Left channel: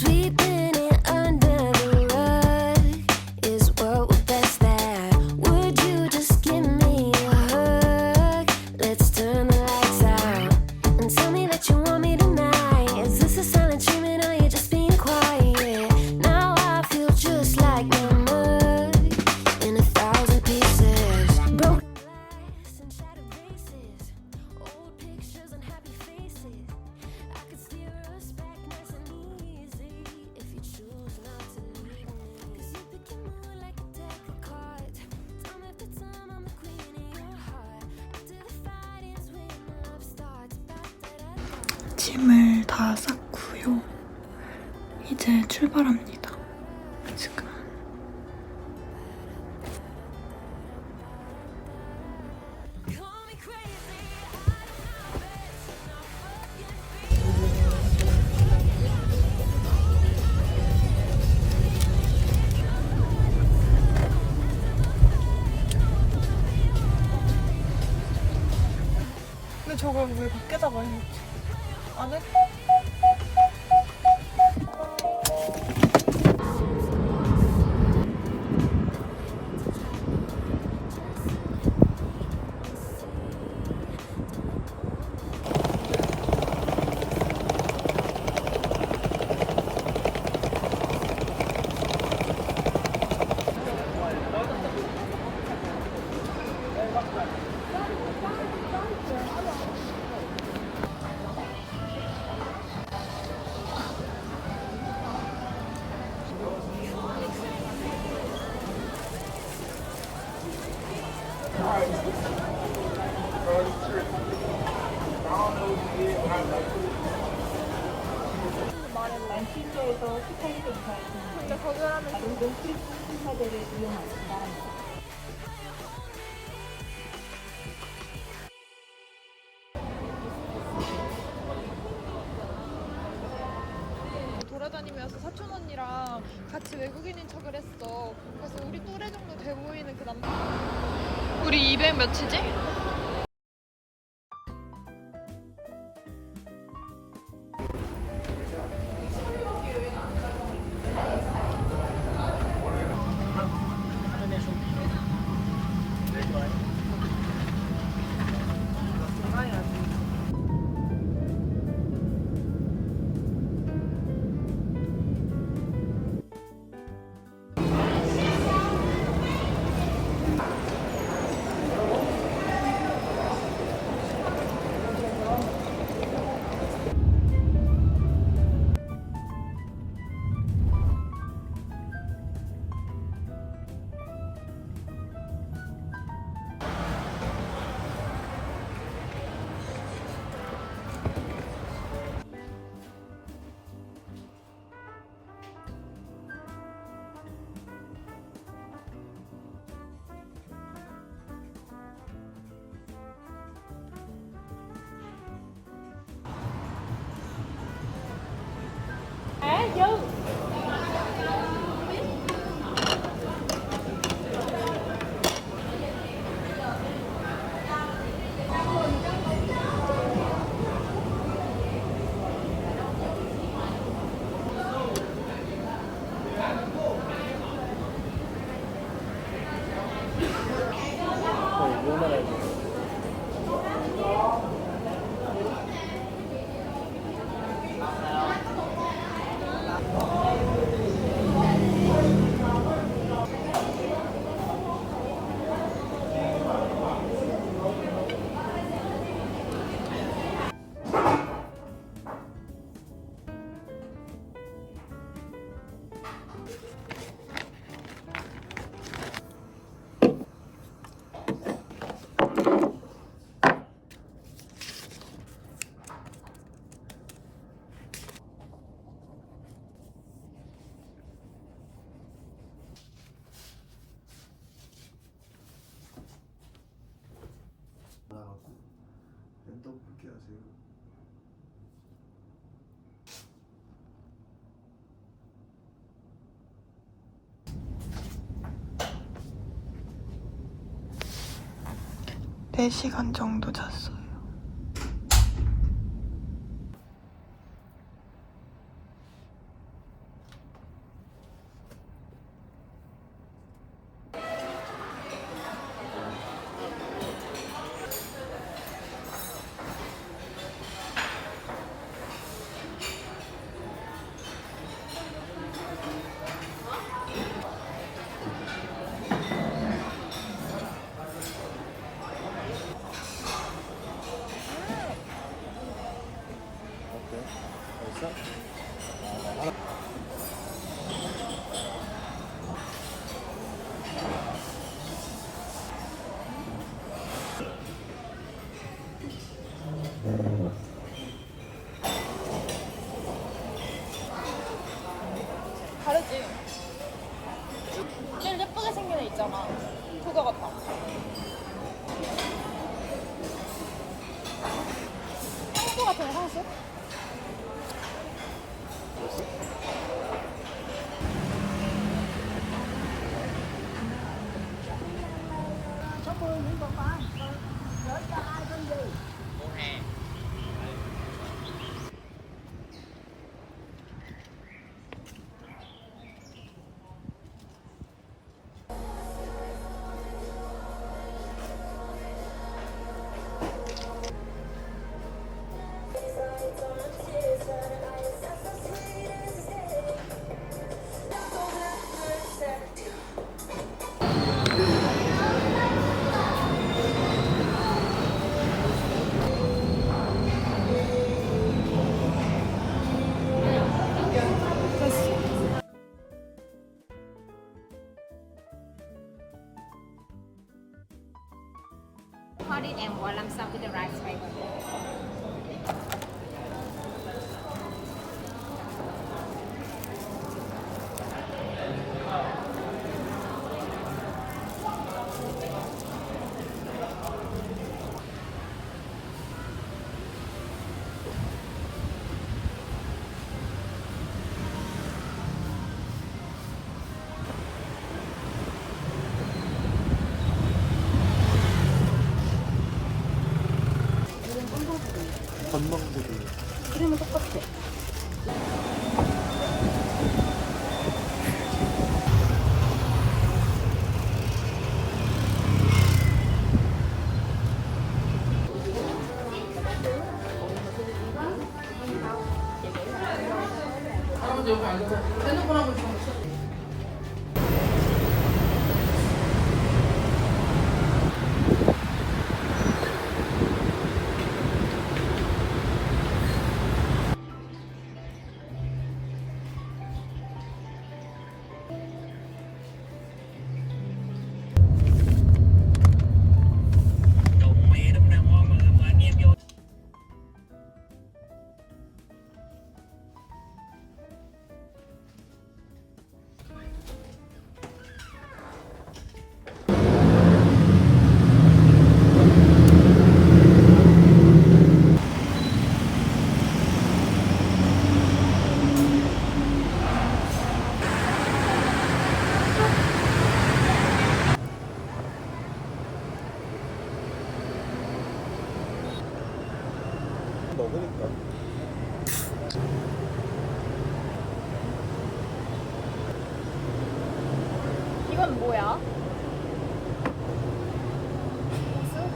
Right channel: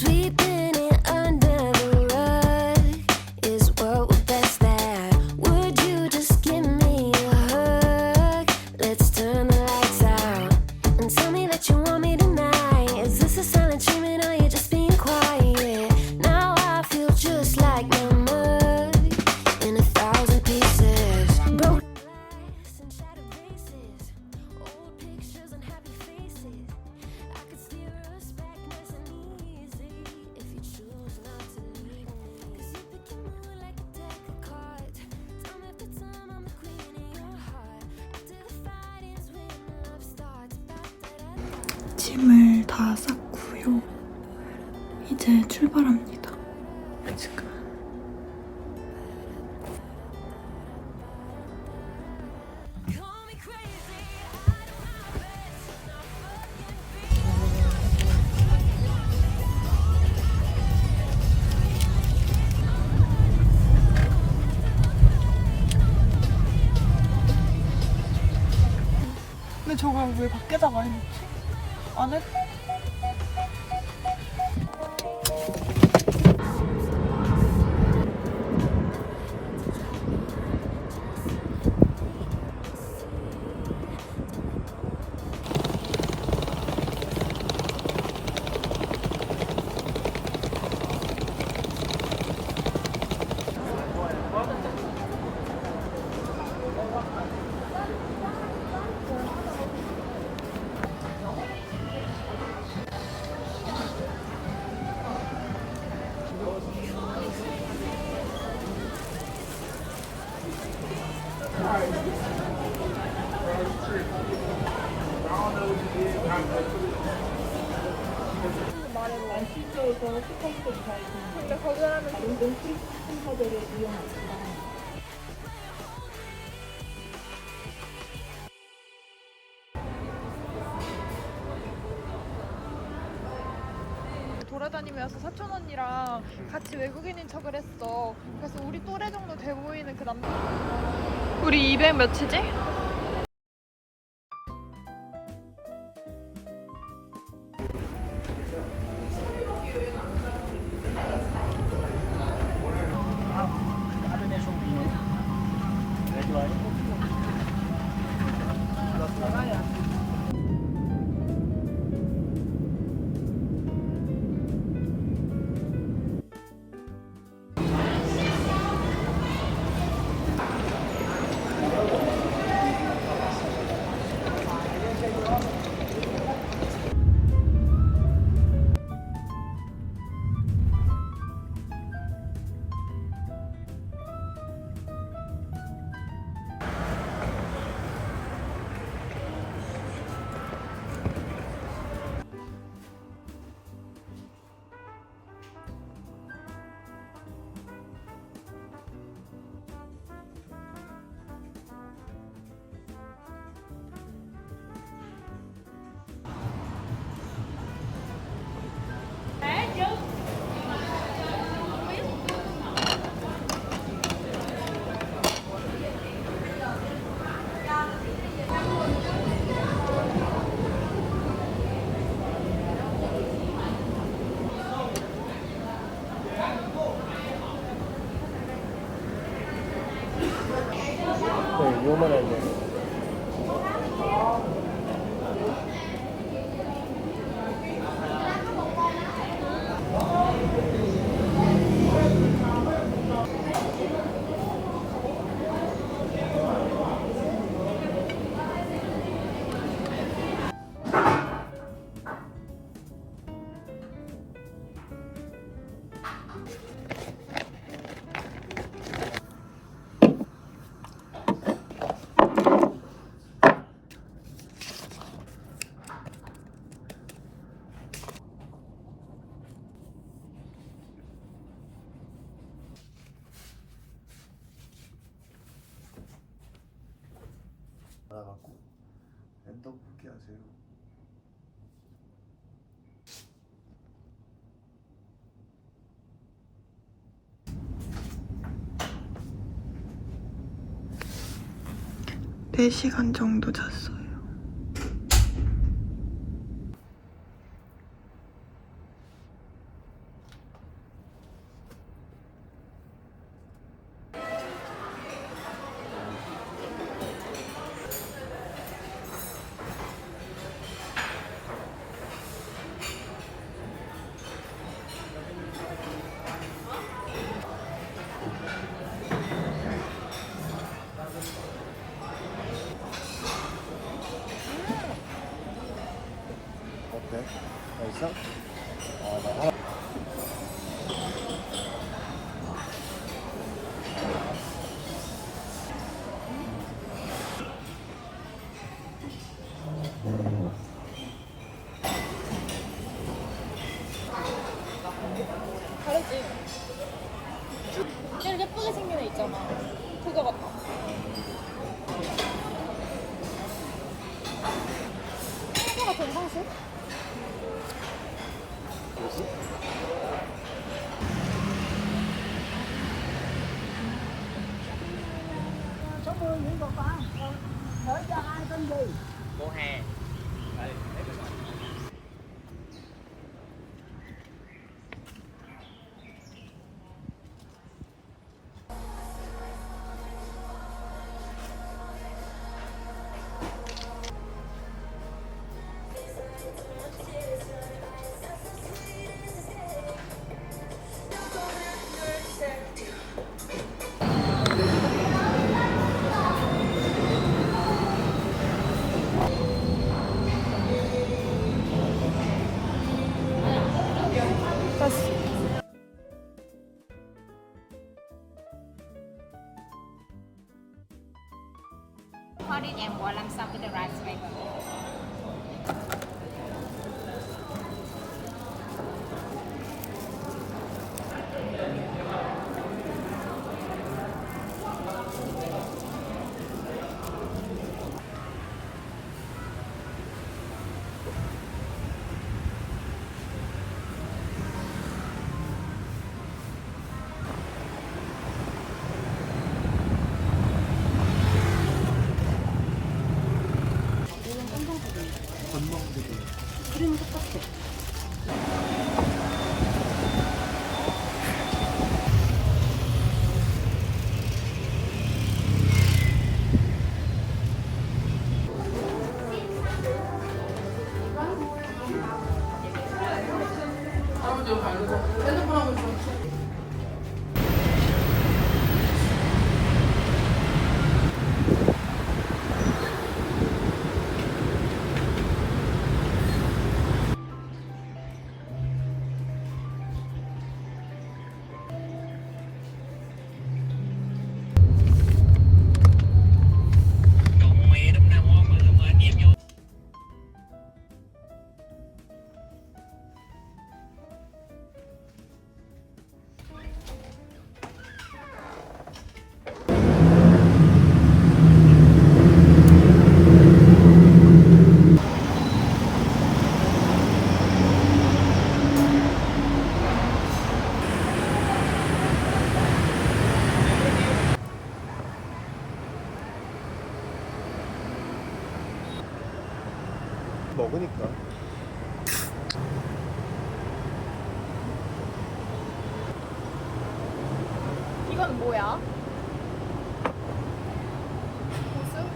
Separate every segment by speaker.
Speaker 1: sweet.
Speaker 2: 짐을 다 쌌고요. 이제 출발합니다. 지금.
Speaker 1: Do my best to 嗯。
Speaker 3: 근데 왜 밖에다가 해놓지? 안에? 돌아다니면서 사촌 언니랑 같이 외국인인 척을 했어. 그래서 우리 또래 정도 돼 보이는 그 남자. 우리 200 몇이지?
Speaker 4: 랜덤 볼게 하세요.
Speaker 2: 네 시간 정도 잤어요.
Speaker 3: 다르지. 제일 예쁘게 생긴 애 있잖아. 그거 같다. 상수 같은 상수?
Speaker 5: and walang sap with the rice paper.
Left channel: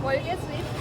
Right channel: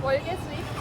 Speaker 3: 고수?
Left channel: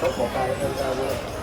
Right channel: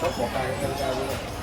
Speaker 4: 小伙伴应该都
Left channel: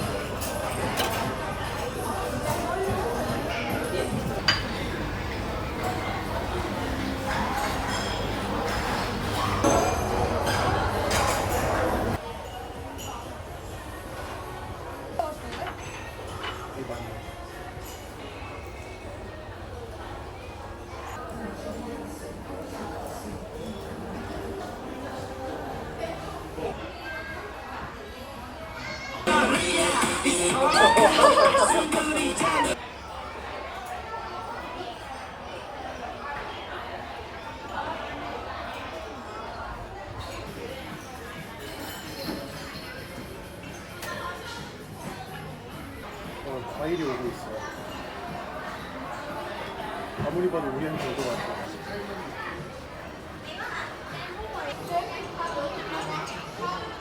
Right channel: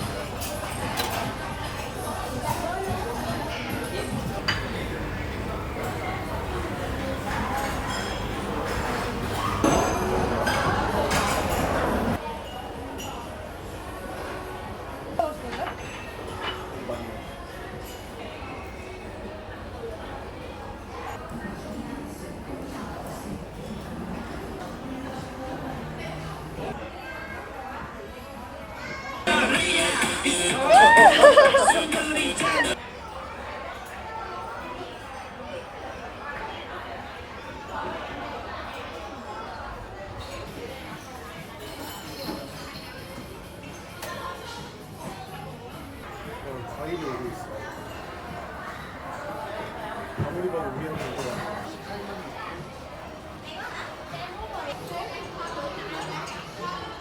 Speaker 4: 우리는 이거 Thank you.